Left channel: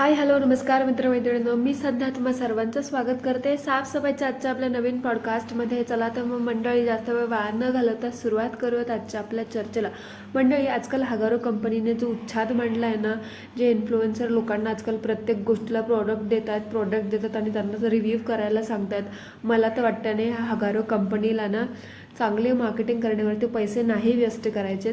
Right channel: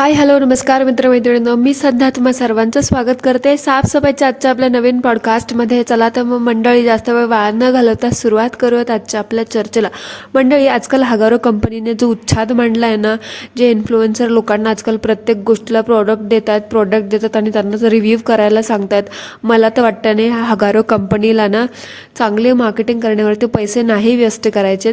Hi hello नमस्कार मित्रमैत्रिणींनो, मी सध्या तुम्हा सर्वांचं स्वागत करते साफसफाईच्या आजच्या आपल्या नवीन पॉडकास्टमध्ये. चला तर मग मंडळी, जास्त वेळ वाया न घालवता सुरुवात करूयात आजच्या आपल्या चर्चेला. मंडळी, आजकाल हजारो कंपनीने जो उच्छाद मांडला आहे ना, जे इन्फ्लुएन्सर लोकांना आजकाल प्रत्येक गोष्टीला प्रोडक्ट देतात आणि त्यांना रिव्ह्यू करायला सांगतात. मला तर वाटतं नाही, हजारो कंपनीला ना चांगले मार्केटिंग करण्यावरती पैसे नाही वेस्ट करायचे,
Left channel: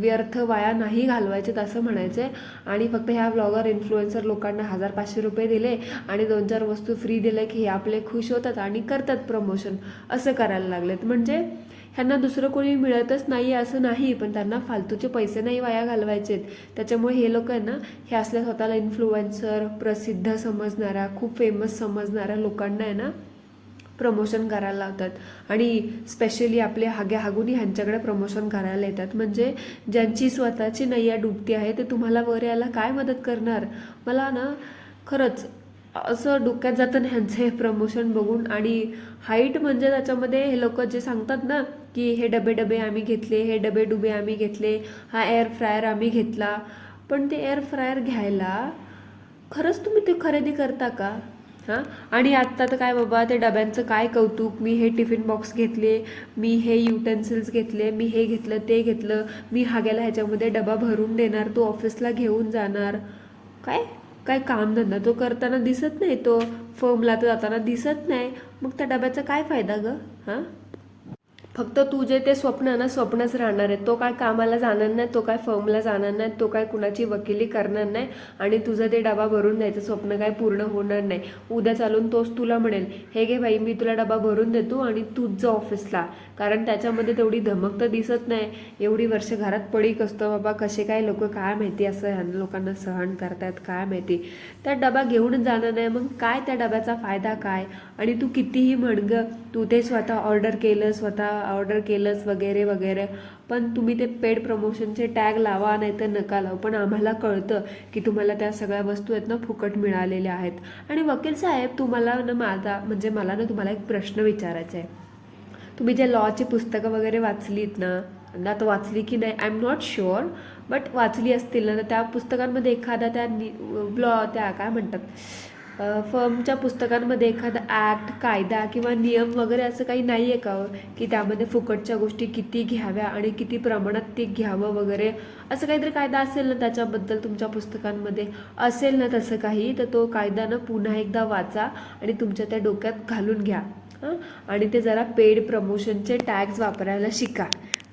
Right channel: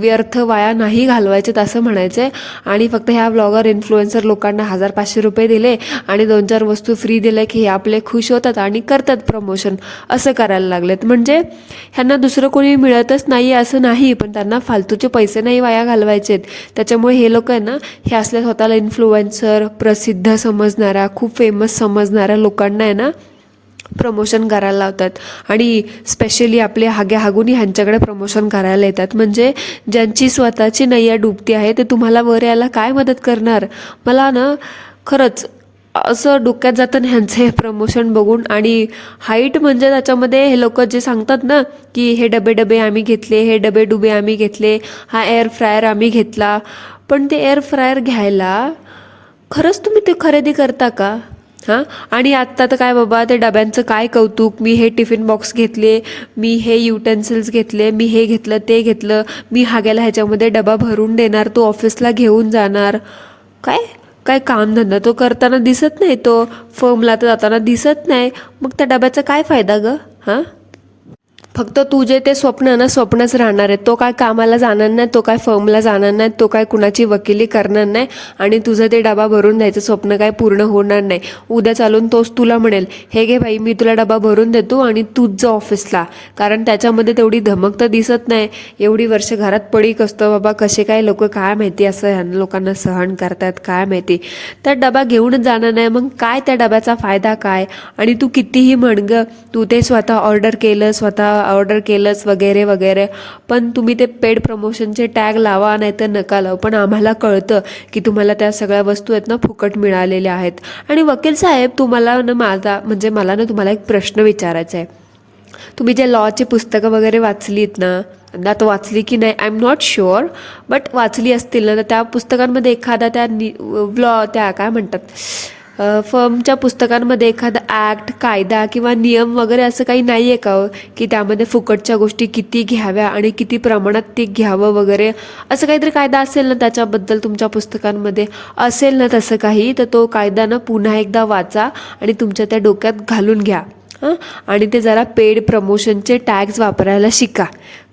व्यर्थ वाया नाही घालवायचेत असं म्हणायचं आहे. आणि फक्त ह्या ब्लॉगर इन्फ्लुएन्सर लोकांना 1,000-500 रुपये दिले आणि 2-4 वस्तू फ्री दिल्या की हे आपले खुश होतात आणि करतात प्रमोशन, असं करायला लागलेत. म्हणजे ह्यांना दुसरं कोणी मिळतच नाही असं नाही, पण त्यांना फालतूचे पैसे नाही वाया घालवायचेत. त्याच्यामुळे हे लोक आहे ना, हे असल्या स्वतःला इन्फ्लुएन्सर, प्रसिद्ध समजणाऱ्या, खूप फेमस समजणाऱ्या लोकांना आहे ना प्रमोशन करायला लावतात. आणि स्पेशली आपले हागुनी ह्यांच्याकडे प्रमोशन करायला येतात. म्हणजे ज्यांची स्वतःची नैया डुबती आहे ते तुम्हाला वर यायला काय मदत करणार. मला ना खरंच असं डोक्यात जातं ह्यांचं हे प्रमोशन बघून. आणि हाईट म्हणजे त्याच्यामध्ये हे लोक जे सांगतात ना की हे डबे आम्ही घेतले, हे डबे आम्ही घेतले, हा एअर फ्रायर आम्ही घेतला. पण ते एअर फ्रायर घ्यायला खरंच तुम्ही ते खरेदी करता का? हां. आणि आत्ता तर काय बाबा, ते डब्यांचं काय कौतुक, मी हे टिफिन बॉक्स घेतले, मी हे युटेन्सिल्स घेतले, मी हे घेतलं ते घेतलं, मी हाग्याला ह्याच्यामध्ये डबा भरून देणार, तो ऑफिसला घेऊन जाणार. काय काय कामधंदा तो करताना दिसत नाही, तो फर्मला तर जाताना दिसत नाही. मग त्या डब्याचा काय फायदा गं? हां. फक्त तुझे ते स्वप्न ना स्वप्नच राहणार आहे. तो काय कामाला जाणार नाही, तो काय फर्मला जाणार नाही, तो काय कुणाची वकिली करणार नाही. आणि तुझं ते डबा भरून द्यायचं स्वप्न काय पूर्ण होणार नाही. उद्या चालून तोच तुला म्हणेल, हे घे भाई, मी तुला डबा भरून देतो आणि तूच जा ऑफिसला. कारण त्याच्यामध्ये तेवढी धमक तर दिसत नाही. एवढी वर्ष घरात पडीक असतं बाबा, कसे काय लोक काय माहिती असं ह्या लोकांना सहन करतात काय माहिती. त्या डबा घेऊनच जाणार नाही, मग काय त्या डब्याचा फायदा काय? आणि तू कितीही म्हण ग, तू ते स्वतः ऑर्डर केलंच वगैरे वगैरे, पण तुम्ही ते पेड प्रमोशनचे टॅग लावा नाही तर नका लावू, पण आम्हाला कळतं की तुम्हाला त्या सगळ्या वस्तू आहेत ना फुकट मिळालेल्या आहेत. आणि वकील साहेब, तुम्हाला ना मला ना तुम्हाला एक प्रश्न विचारायचा आहे. तुम्ही जे लॉची पुस्तकं वगैरे वाचलीत ना, आता वाचली की नाही I am not sure, but वाचली असतील ना, तर त्या पुस्तकांमध्ये एखादा त्या काय म्हणतात, फर्मच्या पुस्तकांमध्ये एखादा ॲक्ट, कायदा किंवा नियम वगैरे असं काही नाही आहे का हो, की त्यामध्ये फुकटच्या गोष्टी किती घ्याव्या आणि किती प्रमाणात ते घ्यावं वगैरे, असं काहीतरी कायदा असेल ना त्याच्याबद्दल तुमच्या पुस्तकांमध्ये असेल ना तसं काही, तर तो कायदा ना पुन्हा एकदा वाचा आणि तुमच्या त्या डोक्यात घालून घ्या. हां. आणि ते जरा पेड प्रमोशनचे टॅग्स वापरायला शिका.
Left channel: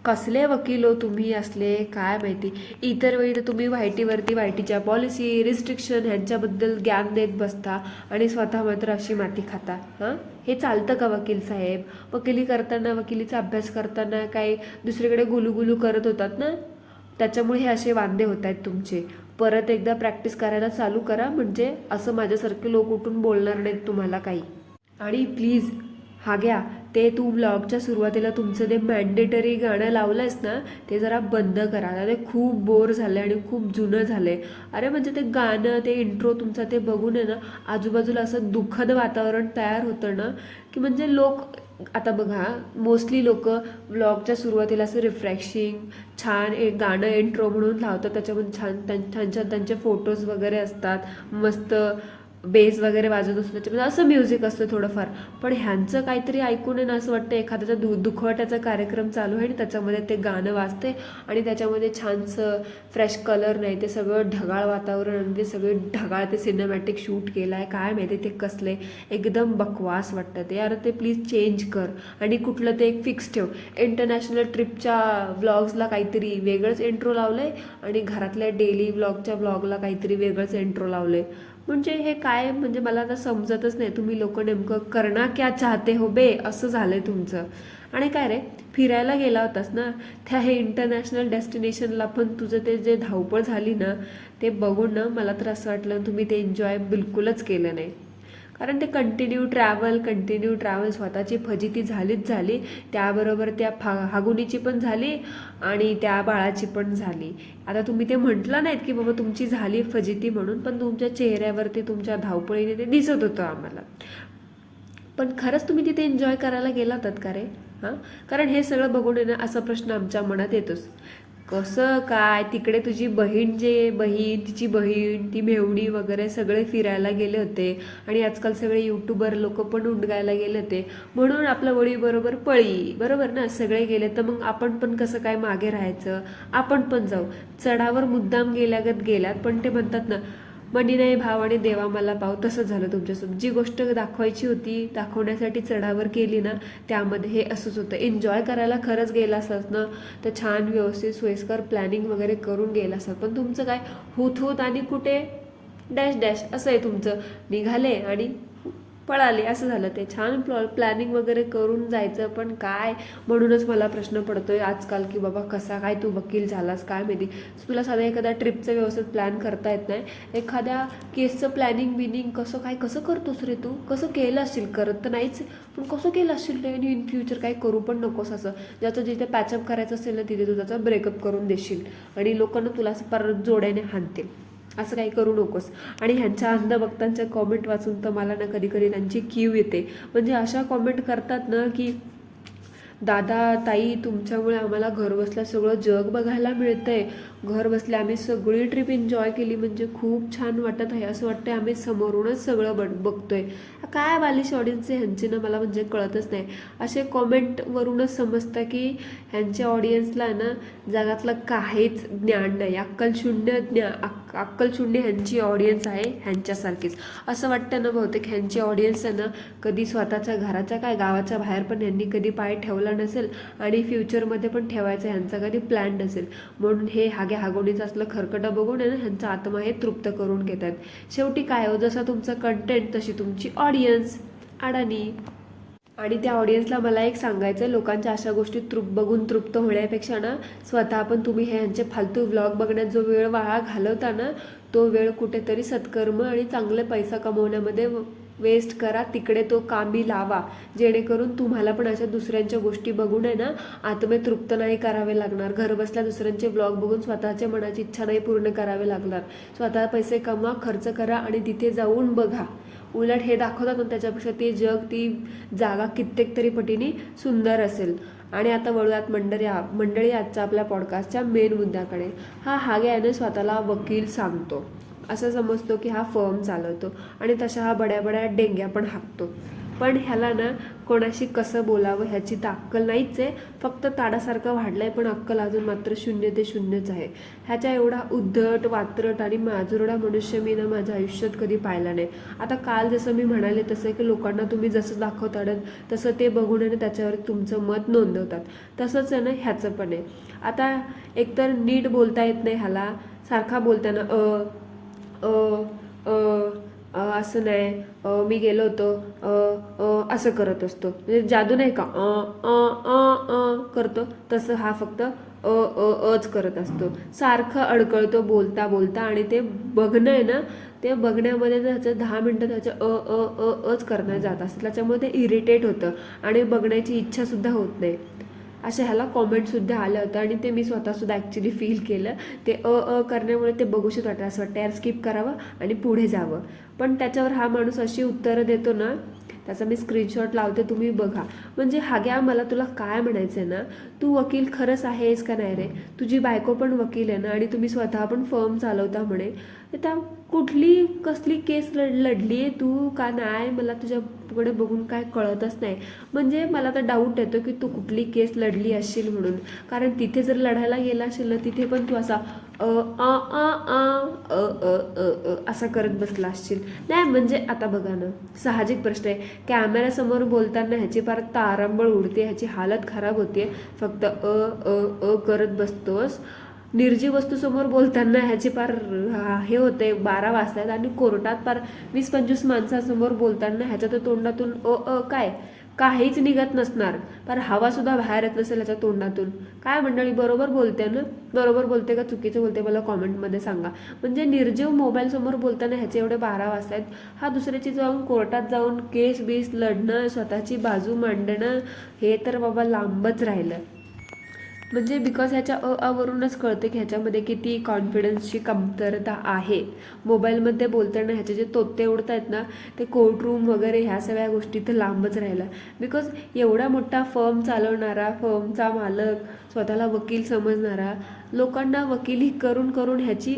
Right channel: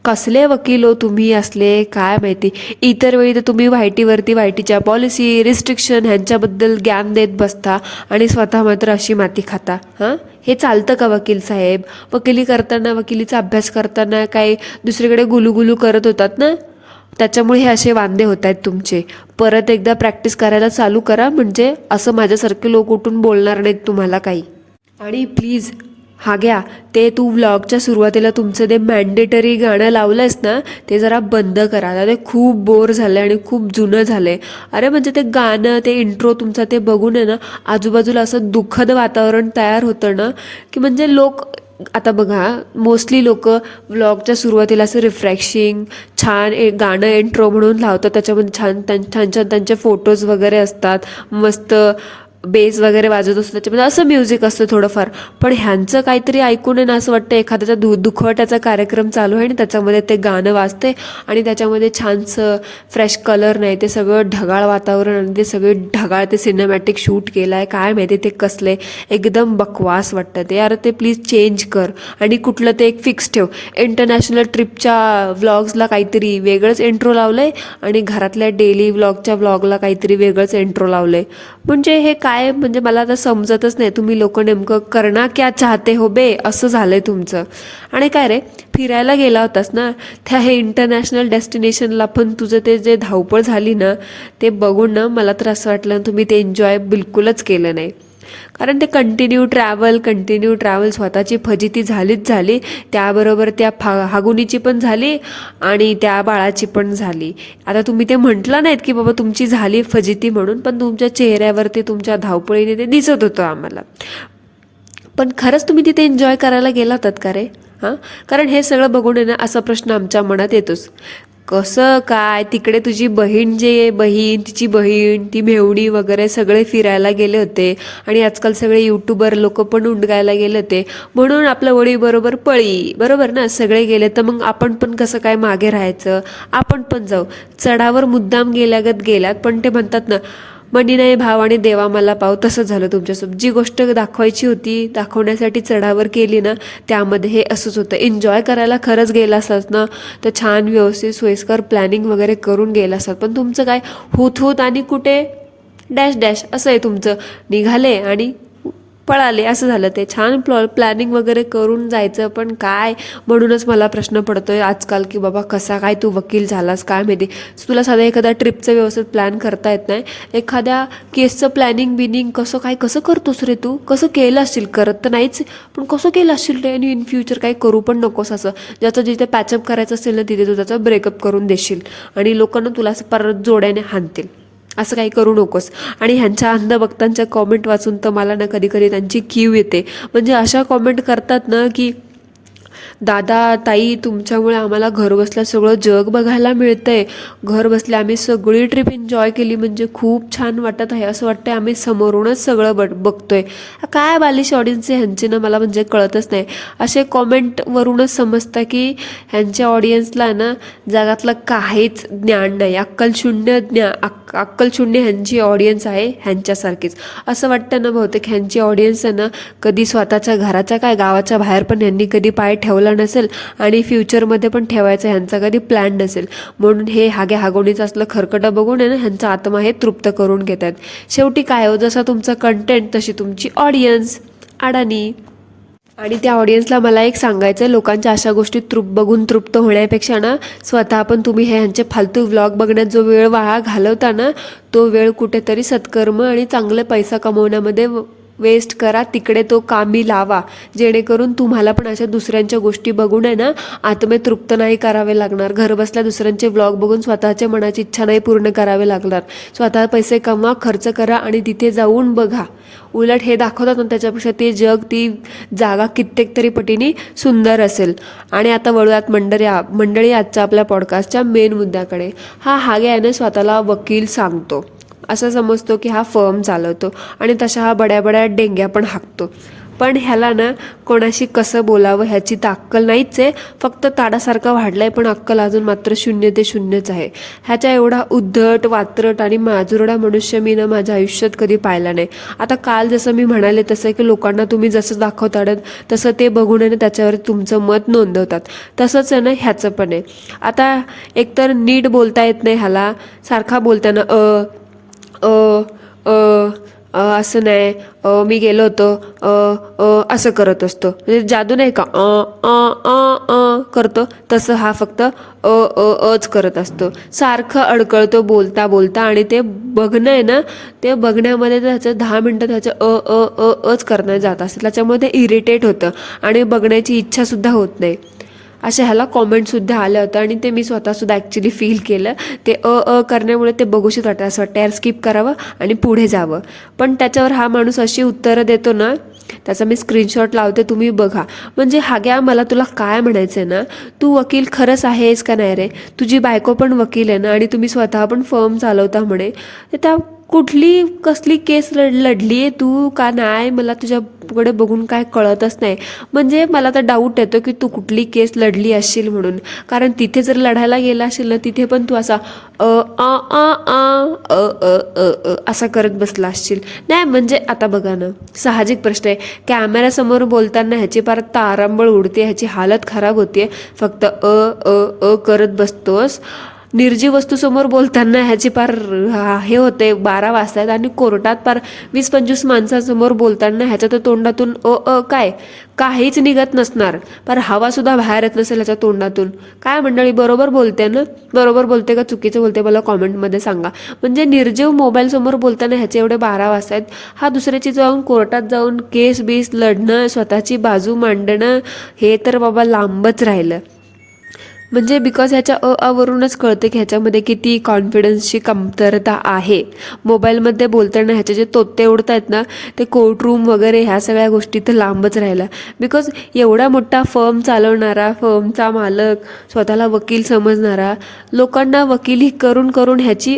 कसले वकील हो तुम्ही असले, काय माहिती. इतर वेळी तर तुम्ही वायटीच्या पॉलिसी, रिस्ट्रिक्शन ह्यांच्याबद्दल ज्ञान देत बसता आणि स्वतः मात्र अशी माती खाता. हां. हे चालतं का वकील साहेब? वकिलीचा अभ्यास करताना काय दुसरीकडे गुलूगुलू करत होतात ना, त्याच्यामुळे हे असे वांदे होत आहेत तुमचे. परत एकदा प्रॅक्टिस करायला चालू करा, म्हणजे असं माझ्यासारखे लोक उठून बोलणार नाहीत तुम्हाला काही. आणि प्लीज घ्या, ते तू व्लॉगच्या सुरुवातीला तुमचं ते मॅन्डेटरी गाणं लावलंयस ना, ते जरा बंद करा. आता ते खूप बोर झालं आणि खूप जुनं झालंय. अरे म्हणजे ते गाणं, ते इंट्रो तुमचा ते बघून आहे ना, आजूबाजूला असं दुःखद वातावरण तयार होतं ना, की म्हणजे लोक आता बघा, मोस्टली लोक व्लॉगच्या सुरुवातीला असं रिफ्रेशिंग छान एक गाणं इंट्रो म्हणून लावतात. त्याच्यामध्ये छान त्यांचे फोटोज वगैरे असतात, मस्त बेस वगैरे वाजत असतो, त्याच्यामध्ये असं म्युझिक असतं थोडंफार. पण ह्यांचं काहीतरी ऐकून आहे ना असं वाटतं एखाद्याचा दुखवट्याचा कार्यक्रम चालू आहे आणि त्याच्यामध्ये ते गाणं वाजते आणि त्याच्यामध्ये छानसं फ्रेश कलर नाही, ते सगळं ढगाळ वातावरण आणि ते सगळे ढगाळ ते सिनेमॅटिक शूट केलं आहे. काय माहिती ते कसले, एकदम बकवास वाटतं ते. यार ते प्लीज चेंज कर. आणि कुठलं ते एक फिक्स ठेव. इंटरनॅशनल ट्रिपच्या व्लॉग्सला काहीतरी वेगळंच इंट्रो लावलं आहे आणि घरातल्या डेली व्लॉगच्या व्लॉगला काहीतरी वेगळंच इंट्रो लावलं आहे. म्हणजे हे काय, म्हणजे मला आता समजतच नाही. तुम्ही लोक नेमकं करना क्या चाहते हो बे, असं झालंय तुमचं. आणि काय रे, फिरायला गेला होतास ना त्या हे इंटरनॅशनल डेस्टिनेशनला, पण तुझं ते जे धावपळ झाली ना ते बघून ना मला तर असं वाटलं तुम्ही ते एन्जॉय बिलकुलच केलं नाही. कारण ते कंटिन्यू ट्रॅव्हल स्वतःची फजिती झालीच झाली, त्याबरोबर त्या हागुनीची पण झाली आणि त्या बाळाची पण झाली. आता तुम्ही ते म्हटलं नाहीत की बाबा तुमची झाली फजिती म्हणून, पण तुमच्या चेहऱ्यावरती तुमच्या धावपळीने ते दिसत होतं आम्हाला. पण खरंच तुम्ही तिथे एन्जॉय करायला गेला होतात का रे? हां. कारण हे सगळं बघून आहे ना असा प्रश्न आमच्या मनात येतोच. कसं काय तिकडे तुझी बहीण तिची बहीण ती मेवणी वगैरे सगळे फिरायला गेले होते आणि आजकाल सगळे यूट्यूबर लोक पण उंडगायला गेले होते, म्हणून आपलं वळी बरोबर पळी, बरोबर ना. सगळे गेले तर मग आपण पण कसं काय मागे राहायचं, आपण पण जाऊ. चढावर मुद्दाम गेल्यागत गेल्यात, पण ते म्हणतात ना, मनी नाही भाव आणि देवा मला पाव, तसं झालं तुमच्यासोबत. जी गोष्ट दाखवायची होती दाखवण्यासाठी चढावर केली ना, त्यामध्ये हे असंच होतं. एन्जॉय करायला खरंच गेला असतात ना तर छान व्यवस्थित सोयीस्कर प्लॅनिंग वगैरे करून गेला असतात, पण तुमचं काय होत आणि कुठे डॅश डॅश असं आहे तुमचं. निघाले आणि पळाले असं झालं. ते छान प्लॅनिंग वगैरे करून जायचं, पण काय. म्हणूनच मला प्रश्न पडतोय आजकाल की बाबा कसा काय तू वकील झालास काय माहिती. तुला साधा एखाद्या ट्रिपचं व्यवस्थित प्लॅन करता येत नाही, एखाद्या केसचं प्लॅनिंग कसं करतोस रे तू, कसं केलं असशील. करत तर नाहीच, पण कसं केलं असशील रे, आणि इन फ्युचर काही करू पण नकोस असं. ज्याचं जिथे पॅचअप करायचं असेल ना तिथे तू त्याचा ब्रेकअप करून देशील आणि लोकांना तुला असं परत जोड्याने हाणतील. असं काही करू नकोस. आणि ह्यांच्या अंधभक्तांच्या कॉमेंट वाचून तर मला ना कधी कधी त्यांची कीव येते. म्हणजे अशा कॉमेंट करतात ना की दादा ताई तुमच्यामुळे आम्हाला घरबसल्या सगळं जग बघायला मिळतंय, घर बसल्या आम्ही सगळी ट्रिप एन्जॉय केली, म्हणजे खूप छान वाटत आहे, असं वाटतंय आम्ही समोरूनच सगळं बघतोय. काय बालिश ऑडियन्स आहे ह्यांची ना, मला म्हणजे कळतच नाही. असे कॉमेंटवरूनच समजतं की ह्यांच्या ऑडियन्सला ना जगातलं काहीच ज्ञान नाही, अक्कलशून्य ह्यांची ऑडियन्स आहे, ह्यांच्यासारखीच. असं वाटतं ना बहुतेक ह्यांची ऑडियन्स आहे ना कधी स्वतःच्या घराच्या काय गावाच्या बाहेर पण ह्यांनी कधी पाय ठेवला नसेल आणि फ्युचरमध्ये पण ठेवायचा ह्यांचा कधी प्लॅन नसेल, म्हणून हे हागे हागोणीचं असलं खरकटं बघून आहे ना ह्यांचा आत्मा हे तृप्त करून घेत आहेत. शेवटी काय हो, जसा तुमचा कंटेंट तशी तुमची ऑडियन्स अडाणी. आणि त्या ऑडियन्सला मला एक सांगायचं, लोकांच्या अशा गोष्टी बघून तृप्त होण्यापेक्षा ना स्वतः पण तुम्ही हे ह्यांचे फालतू व्लॉग बघण्यात जो वेळ वाया घालवता ना, तो वेळ कुठेतरी सत्कर्म आणि चांगले पैसा कमवण्यामध्ये वेस्ट करा, तिकडे तो कामी लावा, जेणेकरून तुम्हाला पण अशा दुसऱ्यांच्या गोष्टी बघून आहे ना आत्मे तृप्त नाही करावे लागणार. घर बसल्या दुसऱ्यांचे व्लॉग बघून स्वतःच्या मनाची इच्छा नाही पूर्ण करावे लागणार. स्वतः पैसे कमवा, खर्च करा आणि तिथे जाऊन बघा. उलट हे दाखवतात ना त्याच्यापेक्षा ते जग, ती जागा कित्येक तरी पटीने सुंदर असेल. आणि आता वळूयात मंडळी आजच्या आपल्या पॉडकास्टच्या मेन मुद्द्याकडे. हा हागे आहे ना स्वतःला वकील सांगतो, असं समजतो की हा फर्म चालवतो आणि तशा हा बड्या डेंग्या पण हाकतो. पण ह्याला ना कोणाशी कसं बोलावं ह्याची तर अक्कल नाहीच आहे, फक्त ताडासारखा वाढलाय पण अक्कल अजून मात्र 0 ते 0च आहे. ह्याच्या एवढा उद्धट वात्रट आणि माजुरडा मनुष्य मी ना माझ्या आयुष्यात कधी पाहिला नाही. आता काल जसं मी म्हणाले तसं की लोकांना तुम्ही जसं दाखवतात तसं ते बघून आहे ना त्याच्यावर तुमचं मत नोंदवतात, तसंच आहे ना ह्याचं पण आहे. आता एकतर नीट बोलता येत नाही ह्याला, सारखा बोलताना असं नाही, मी गेलो होतो असं करत असतो, म्हणजे जादू नाही का करतो तसं हा फक्त अच करत असतो, सारखं अडकळतो बोलता बोलता. आणि ते बघणं आहे ना, ते बघण्यामध्ये त्याचं 10 मिनटं त्याचं अच करणं जात असतं, त्याच्यामुळे ते इरिटेट होतं आणि बघण्याची इच्छासुद्धा होत नाही. अशा ह्याला कॉमेंटसुद्धा आल्या होत्या आणि ते मी स्वतःसुद्धा ॲक्च्युली फील केलं. ते करण्यामुळे ते बघूशीच वाटतं, असं वाटतं यार स्किप करावं आणि पुढे जावं. पण त्याच्यावर हा माणूस अशी उत्तरं देतो ना, त्याचा मी स्क्रीनशॉट लावते, तुम्ही बघा. म्हणजे हाग्या, मला तुला काय म्हणायचं आहे ना, तू वकील खरंच आहेस का नाही रे? तुझी बायको पण वकील आहे ना आणि तुम्ही स्वतः पण फर्म चालवता म्हणे, तर त्या कसली केस लढली आहे तू का नाही, मला तुझ्याकडे बघून काय कळतच नाही. म्हणजे मला तर डाऊट येतो की तू कुठली केस लढली असशील म्हणून, कारण तिथे जर लढायला गेला असेल ना तिथे पण तू असा असा करत बसला असशील. नाही म्हणजे आता बघा ना, साहजिक प्रश्न आहे, कॅमेऱ्यासमोर बोलताना ह्याची फार तारांबळ उडते, ह्याची हालत खराब होते, फक्त करत बसतोस. निर्जीव वस्तूसमोर बोलताना ह्याची फार हे होते, 12 वाजतायत आणि कोर्टात फार 20-25 माणसांसमोर बोलताना ह्याच्या तर तोंडातून काय काहीच निघत नसणार, पर हवासुद्धा बाहेर येत नसेल ह्याच्या तोंडातून. काय मंडळी, बरोबर बोलते ना? बरोबर बोलते का चुकीचं बोलते मला कॉमेंटमध्ये सांगा. म्हणजे निर्जीव मोबाईलसमोर बोलताना ह्याचे एवढे 12 वाजतायत, हा दुसऱ्याची जाऊन कोर्टात जाऊन केस बीस लढणं, स्वतःची बाजू मांडणं, हे तर बाबा लांबच राहिलं. म्हणजे बिकॉज ह्याच्या वरूनच कळते की ह्याच्यामध्ये किती कॉन्फिडन्सची कमतरता आहे. मोबाईलमध्ये बोलताना ह्याचे जे तोते उडत आहेत ना, ते कोर्टरूम वगैरे ह्या सगळ्या गोष्टी तर लांबच राहिला. बिकॉज एवढा मोठा फर्म चालवणारा, फर्मचा मालक, स्वतःला वकील समजणारा, लोकांना वकिली करून करून ह्याची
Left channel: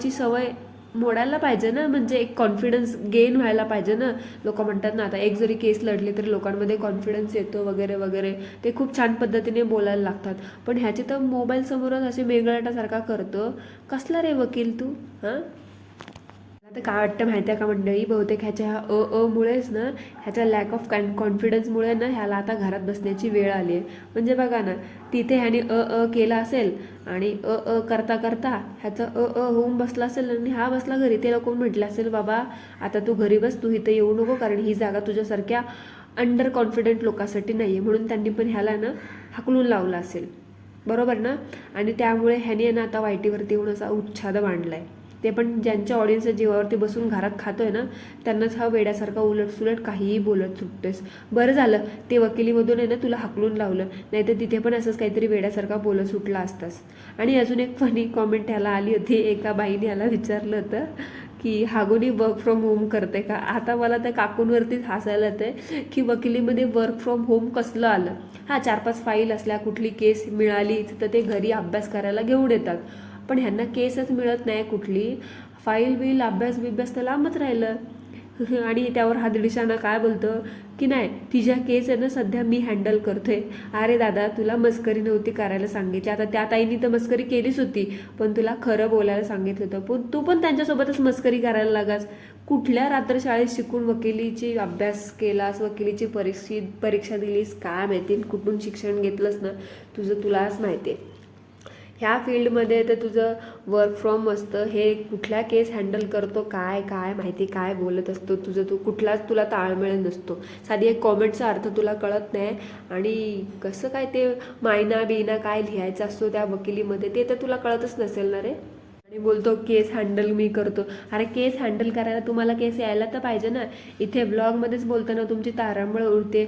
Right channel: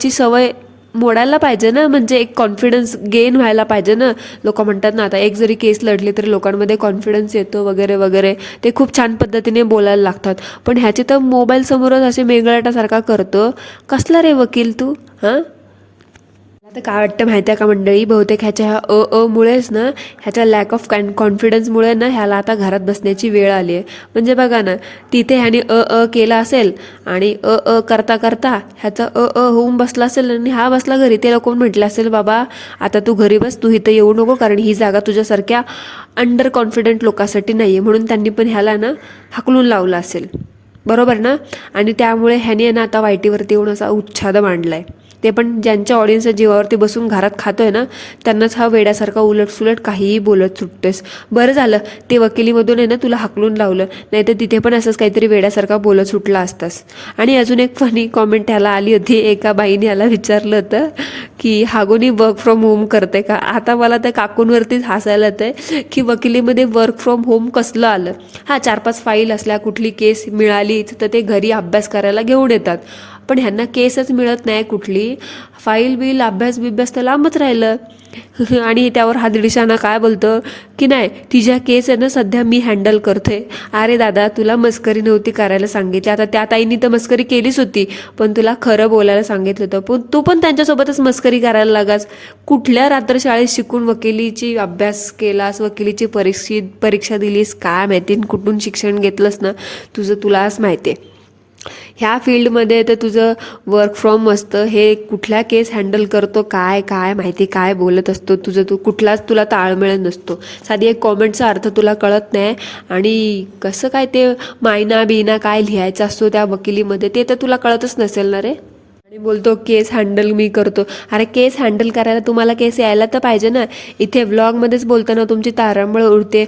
ची सवय मोडायला पाहिजे ना. म्हणजे एक कॉन्फिडन्स गेन व्हायला पाहिजे ना. लोक म्हणतात ना, आता एक जरी केस लढली तरी लोकांमध्ये कॉन्फिडन्स येतो वगैरे वगैरे, ते खूप छान पद्धतीने बोलायला लागतात. पण ह्याची तर मोबाईल समोरच असे मेंगलाटासारखा करतो. कसला रे वकील तू, हां? आता काय वाटतं माहिती आहे का मंडळी, बहुतेक ह्याच्या ह्या मुळेच ना, ह्याच्या लॅक ऑफ कॉन्फिडन्समुळे ना ह्याला आता घरात बसण्याची वेळ आली आहे. म्हणजे बघा ना, तिथे ह्याने केला असेल आणि करता करता ह्याचा होऊन बसला असेल आणि हा बसला घरी. ते लोक म्हटले असेल, बाबा आता तू घरी बस, तू इथं येऊ नको, कारण ही जागा तुझ्यासारख्या अंडर कॉन्फिडंट लोकांसाठी नाही आहे. म्हणून त्यांनी पण ह्याला ना हाकलून लावलं असेल, बरोबर ना. आणि त्यामुळे ह्याने ना आता वाईटीवरती येऊन असा उच्छाद मांडला आहे. ते पण ज्यांच्या ऑडियन्सच्या जीवावरती बसून घरात खातोय ना, त्यांनाच हा वेड्यासारखा उलटसुलट काहीही बोलत सुटतेस. बरं झालं ते वकिलीमधून आहे ना तुला हाकलून लावलं, नाही तर तिथे पण असंच काहीतरी वेड्यासारखा बोलत सुटला असतास. आणि अजून एक फनी कॉमेंट ह्याला आली होती. एका बाईने ह्याला विचारलं होतं की हागोनी वर्क फ्रॉम होम करते का. आता मला त्या काकूंवरतीच हसायला येतंय की वकिलीमध्ये वर्क फ्रॉम होम कसलं आलं. हां, 4-5 फाईल असल्या, कुठली केस मिळाली तर ते घरी अभ्यास करायला घेऊन येतात. पण ह्यांना केसच मिळत नाही कुठली, फाईल बिल अभ्यास बिभ्यास तर लांबच राहिलं. आणि त्यावर हा दीडशाना काय बोलतं की नाही, तिच्या केस आहे ना सध्या मी हँडल करते. अरे दादा, तुला मस्करी नव्हती करायला सांगितली. आता त्या ताईंनी तर मस्करी केलीच होती, पण तुला खरं बोलायला सांगितलं होतं, पण तू पण त्यांच्यासोबतच मस्करी करायला लागास. कुठल्या रात्रशाळेत शिकून वकिलीची अभ्यास केलास, वकिलीची परीक्षा दिलीस, काय माहिती कुठून शिक्षण घेतलंस ना तुझं, तुलाच माहिती आहे. ह्या फील्डमध्ये तर तुझं वर्क फ्रॉम असतं, हे कुठल्या केस हँडल करतो काय काय माहिती, काय बोलत असतो तुझं, तू कुठलाच तुला ताळमेळ नसतो. साधी एक कॉमेंटचा अर्थ तुला कळत नाही. आणि कसं काय ते मायना बिना काय लिहायचा असतो त्या वकिलीमध्ये, ते तर तुला कळतच नसेल ना रे. आणि बोलतो केस हँडल मी करतो. अरे केस हँडल करायला तुम्हाला केस यायला तर पाहिजे ना. इथे व्लॉगमध्येच बोलताना तुमची तारांबळ उडते,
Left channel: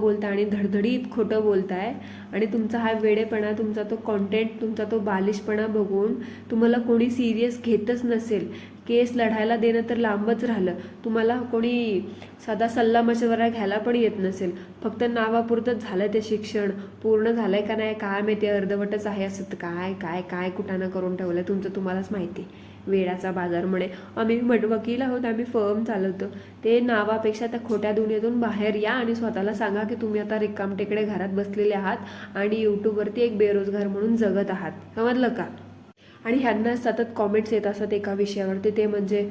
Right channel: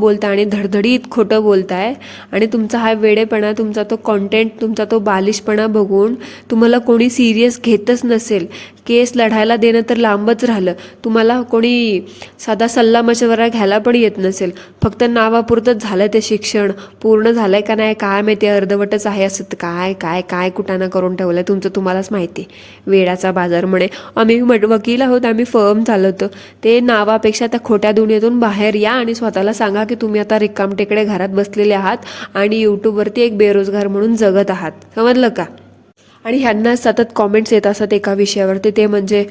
बोलता आणि धडधडीत खोटं बोलताय. आणि तुमचा हा वेडेपणा, तुमचा तो कॉन्टेंट, तुमचा तो बालिशपणा बघून तुम्हाला कोणी सिरियस घेतच नसेल. केस लढायला देणं तर लांबच राहिलं, तुम्हाला कोणी साधा सल्ला मशवरा घ्यायला पण येत नसेल. फक्त नावापुरतंच झालं ते शिक्षण. पूर्ण झालंय का नाही काय माहिती, अर्धवटच आहे असं काय काय काय कुटाणा करून ठेवलं तुमचं तुम्हालाच माहिती. वेडाचा बाजार म्हणे. आम्ही वकील आहोत, आम्ही फर्म चालवतो. ते नावापेक्षा त्या खोट्या दुनियेतून बाहेर या आणि स्वतःला सांगा की तुम्ही आता रिकामटेकडे घरात बसलेले आहात आणि यूट्यूबवरती एक बेरोजगार म्हणून जगत आहात. समजलं का. आणि ह्यांना सतत कॉमेंट्स येत असतात एका विषयावरती, ते म्हणजे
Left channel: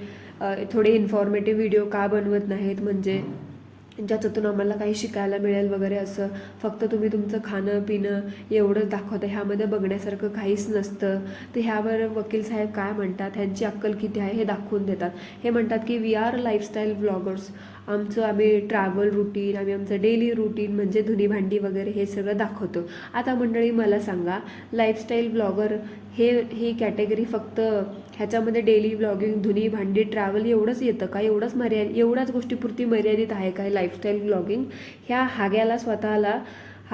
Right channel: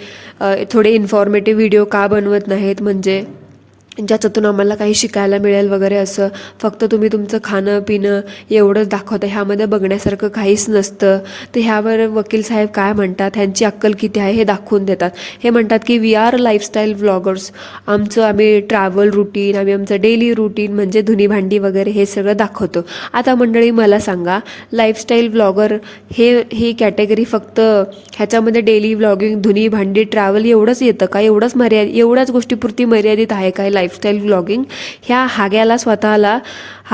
थोडे इन्फॉर्मेटिव्ह व्हिडिओ का बनवत नाहीत, म्हणजे ज्याच्यातून आम्हाला काही शिकायला मिळेल वगैरे असं. फक्त तुम्ही तुमचं खाणं पिणं एवढंच दाखवता, ह्यामध्ये बघण्यासारखं काहीच नसतं. तर ह्यावर वकील साहेब काय म्हणतात, ह्यांची अक्कल किती आहे हे दाखवून देतात. हे म्हणतात की वी आर लाईफस्टाईल व्लॉगर्स. आम्ही ट्रॅव्हल रुटीन, आम्ही आमचं डेली रुटीन म्हणजे धुनी भांडी वगैरे हे सगळं दाखवतो. आता मंडळी मला सांगा, लाईफस्टाईल व्लॉगर ही कॅटेगरी फक्त ह्याच्यामध्ये डेली व्लॉगिंग, धुनी भांडी, ट्रॅव्हल एवढंच येतं का? एवढ्याच गोष्टीपुरती मर्यादित आहे काय लाईफस्टाईल व्लॉगिंग? ह्या हाग्याला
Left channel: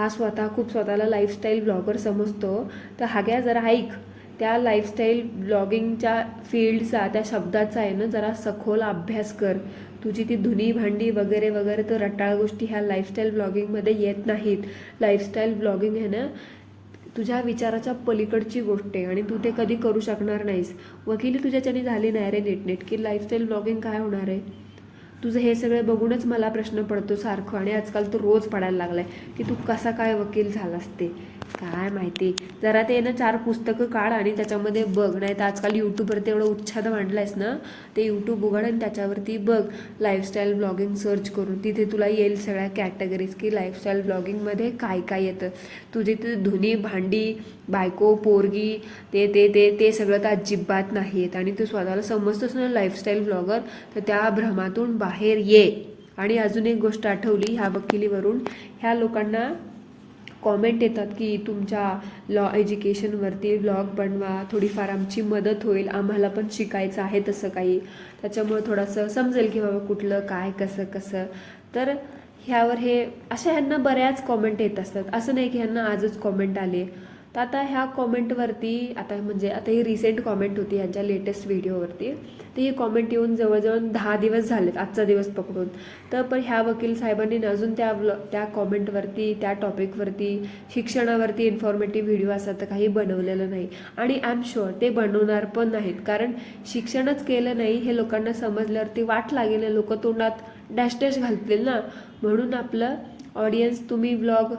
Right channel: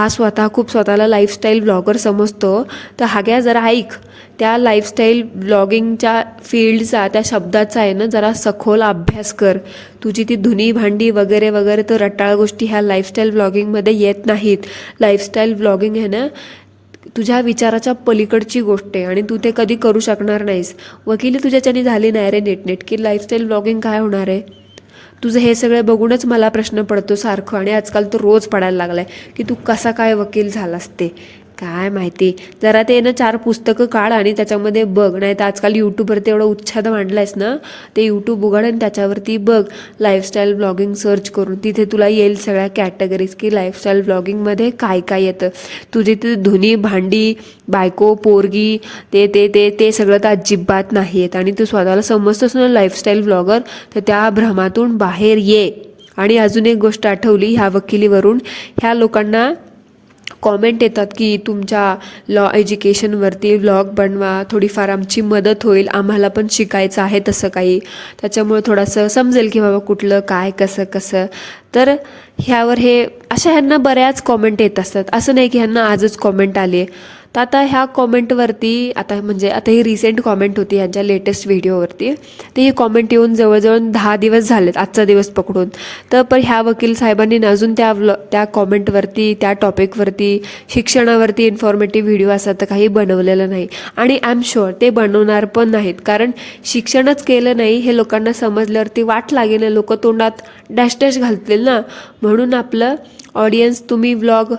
स्वतः खूप स्वतःला लाईफस्टाईल व्लॉगर समजतो. तर हाग्या जरा ऐक, त्या लाईफस्टाईल व्लॉगिंगच्या फील्डचा, त्या शब्दाचा आहे ना जरा सखोल अभ्यास कर. तुझी ती धुनी भांडी वगैरे वगैरे तर रटाळ गोष्टी ह्या लाईफस्टाईल व्लॉगिंगमध्ये येत नाहीत. लाईफस्टाईल व्लॉगिंग आहे ना तुझ्या विचाराच्या पलीकडची गोष्ट आहे आणि तू ते कधी करू शकणार नाहीस. वकिली तुझ्याच्याने झाली नाही रे नीटनेटकी. लाईफस्टाईल व्लॉगिंग काय होणार आहे तुझं? हे सगळं बघूनच मला प्रश्न पडतो सारखं, आणि आजकाल तो रोज पडायला लागलाय की तू कसा काय वकील झालास ते काय माहिती. जरा ते ना 4 पुस्तकं काढ आणि त्याच्यामध्ये बघ. नाही तर आजकाल यूट्यूबवरती एवढं उच्छाद मांडलायस ना, ते यूट्यूब उघड आणि त्याच्यावरती बघ लाईफस्टाईल व्लॉगिंग सर्च करून. तिथे तुला येईल सगळ्या कॅटेगरीज की लाईफस्टाईल व्लॉगिंगमध्ये काय काय येतं. तुझी ती धुनी भांडी, बायको पोरगी ते ते ते ते सगळं तर अजिबात नाही आहेत. आणि तू स्वतःला समजतोस ना लाईफस्टाईल व्लॉगर, तर त्या भ्रमातून बाहेर ये. आणि अजून एक गोष्ट आठवली ह्या वकिलीवरून, ह्या लोकांना कॉमेंट येतात की तुमच्या लॉ एज्युकेशनवरती व्लॉग बनवा, थोडीफार आमची मदत होईल, आम्हाला पण शिकायचं आहे तसं काही, त्याच्यामुळे थोडंसं समजेल की बाबा कुठलं काय कसं कसं. तर ह्यावर ह्यांना बऱ्याच कॉमेंट येत असतात, असं नाही की ह्यांना आजच कॉमेंट आली आहे. तर आता ह्या कॉमेंटवरती आता ही रिसेंट कॉमेंट होती ह्यांच्या लेटेस्ट व्हिडिओवरती. तर ही कॉमेंट येऊन जवळजवळ 10 दिवस झालेत, आजचा दिवस पकडून. तर पण ह्या वकील साहेबांनी अजून त्या कॉमेंटवरती, त्या टॉपिकवरती, शिक्षणावरती इन्फॉर्मेटिव्ह व्हिडिओ असतात तर काही बनवलेलं नाही. आणि आय एम शुअर ते बनवणार पण नाहीत, कारण शिक्षणच केलं नाही हे लोकांना समजल्यावरती वाट लागेल, लोक तोंडात डॅश डॅश घालतील ना. म्हणून आपलं ऑडियन्स, तुम्ही व्लॉग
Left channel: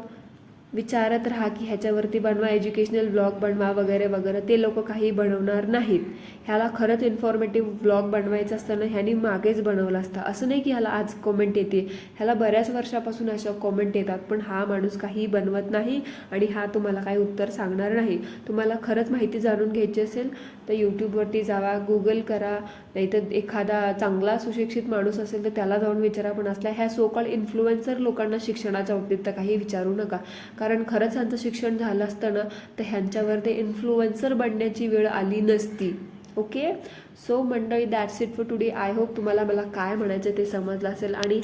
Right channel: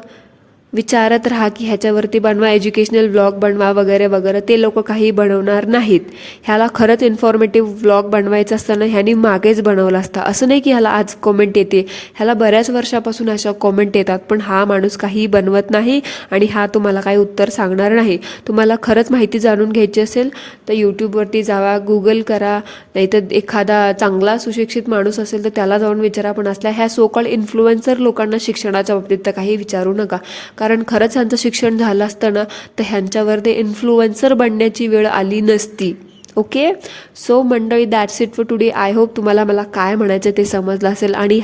विचारत राहा की ह्याच्यावरती बनवा, एज्युकेशनल व्लॉग बनवा वगैरे वगैरे. ते लोक काही बनवणार नाहीत. ह्याला खरंच इन्फॉर्मेटिव्ह व्लॉग बनवायचं असताना ह्यानी मागेच बनवलं असतं. असं नाही की ह्याला आज कॉमेंट येते, ह्याला बऱ्याच वर्षापासून अशा कॉमेंट येतात, पण हा माणूस काही बनवत नाही आणि हा तुम्हाला काही उत्तर सांगणार नाही. तुम्हाला खरंच माहिती जाणून घ्यायची असेल तर यूट्यूबवरती जावा, गुगल करा, नाहीतर एखादा चांगला सुशिक्षित माणूस असेल तर त्याला जाऊन विचारा. पण असल्या ह्या सो कॉल्ड इन्फ्लुएन्सर लोकांना शिक्षणाच्या बाबतीत तर काही विचारू नका, कारण खरंच ह्यांचं शिक्षण झालं असतं ना तर ह्यांच्यावर ते इन्फ्लुएन्सर बनण्याची वेळ आली नसती. ओके, सो मंडळी, that's it for today. I hope तुम्हाला मला काय म्हणायचं ते समजलं असेल. आणि